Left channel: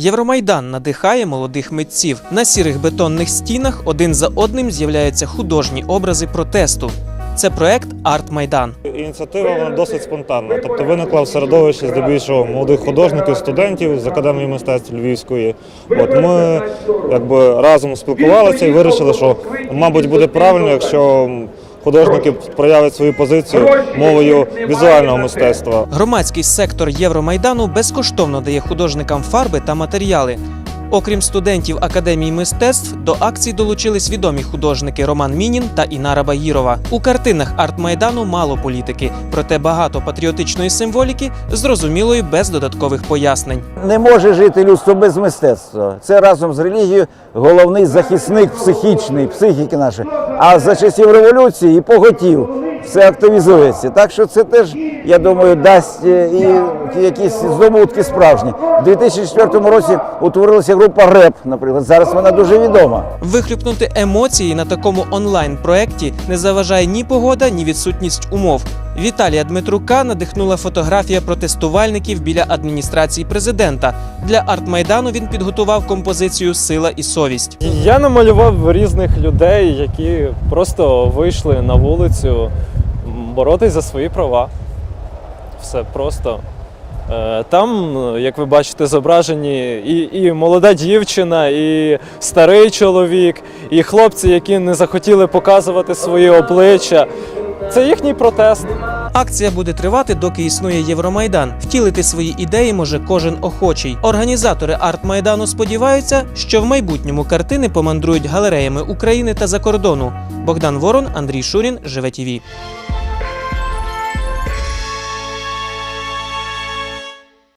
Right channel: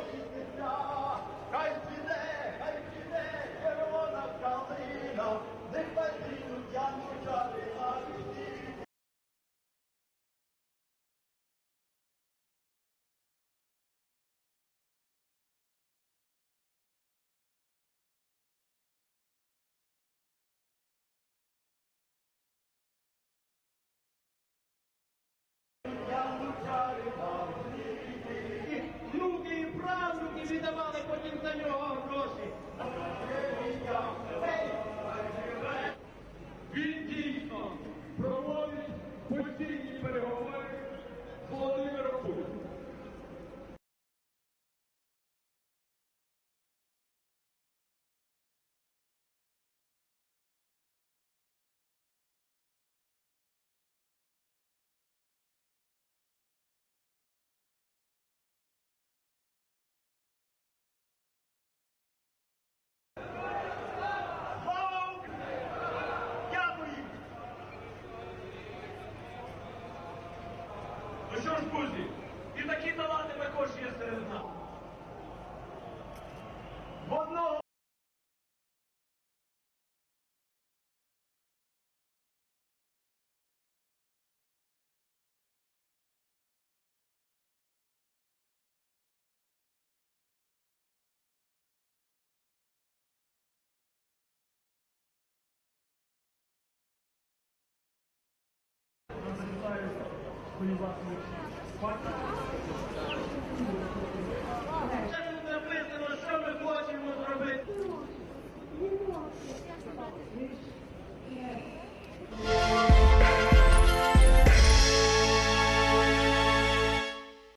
Євромайдан надихає молодих митців. На сірих бетонних стінах один за одним з'являються художні образи протесту. Це проект Арт Майдан. Ініціатива вона досить спонтанна. Тобто виникла в середовищі здебільшого молодих художників, студентів з академії мистецтв Львівської. От ми якби разом спілкувалися і вирішили, що мабуть буде правильно, якщо художники проявлять свою позицію мовою візуального мистецтва. Громадський сектор Євромайдану безкоштовно дає художникам фарби та матеріали. Окрім студентів Академії мистецтв, до акцій долучились відомі художники Роман Мінін та Інара Багірова. У картинах арт-майдану мало політики, проте багато патріотичної символіки, зрозумілої без додаткових пояснень. Не може жити людство без мистецтва. Це разом з релігією головний захисник психічний, психіки нашої. А за часів революції і поготів все активізується. Так що це теж, я думаю, дасть е, і якісь здобутки справжні. У 2004 році утворилася група РЕП, наприклад. Зараз вона дуже відома. Вихлюпнути емоції на такому онлайн-проекті не заважає ні погода, ні відсутність умов. Віталія Дмитрука надихнула фотографія протестувальників біля адміністрації президента. Для арт-майдану він підготував композицію Сила і совість. Я намалював різних людей, які просто вийшли на вулицю боротись за свої права. Все просто. Е, Там, як ви бачите, зображені і, і молода дівчина, і старий чоловік, і хлопці, які не захотіли показувати свої обличчя. Це їхній протест. Акція буде тривати, доки існує Євромайдан. Втілити свої ідеї може кожен охочий. Організатори арт-майдану сподіваються, що в майбутньому картини помандрують галереями України та за кордону. Богдан Ворон, Андрій Шурін, Живе ТІВІ.